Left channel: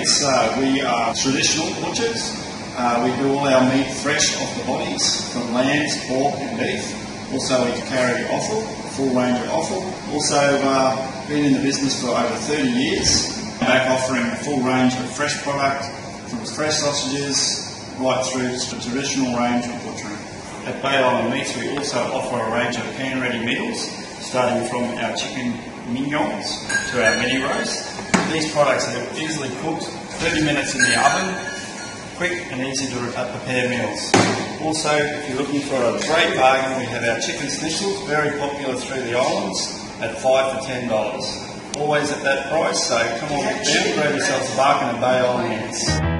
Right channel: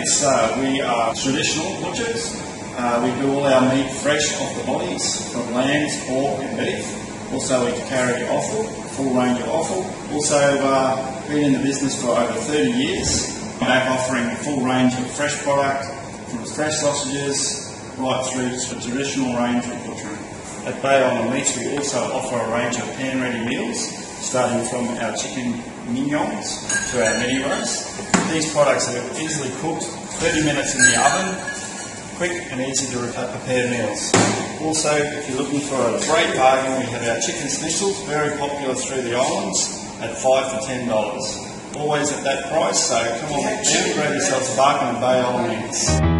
Ants, we are traditional butchers. We do all our meat fresh off the bodies from lambs, pork and beef. Also we carry offal, full range of offal. Also been in the business for over 30 years. Back offering a full range of fresh product from fresh sausages right through to the traditional range of butchering. At Bay Island Meats we also offer a range of pan-ready meals, starting from our chicken mignons to our mini roast. These products are easily cooked, 30 minutes in the oven, quick and easy to prepare meals. Also, if you're looking for a great bargain, we have our chicken schnitzels, very popular through the islands, at $5 to $10. Always at that price, so come on down, grab yourself a bargain at Bay Island Meats.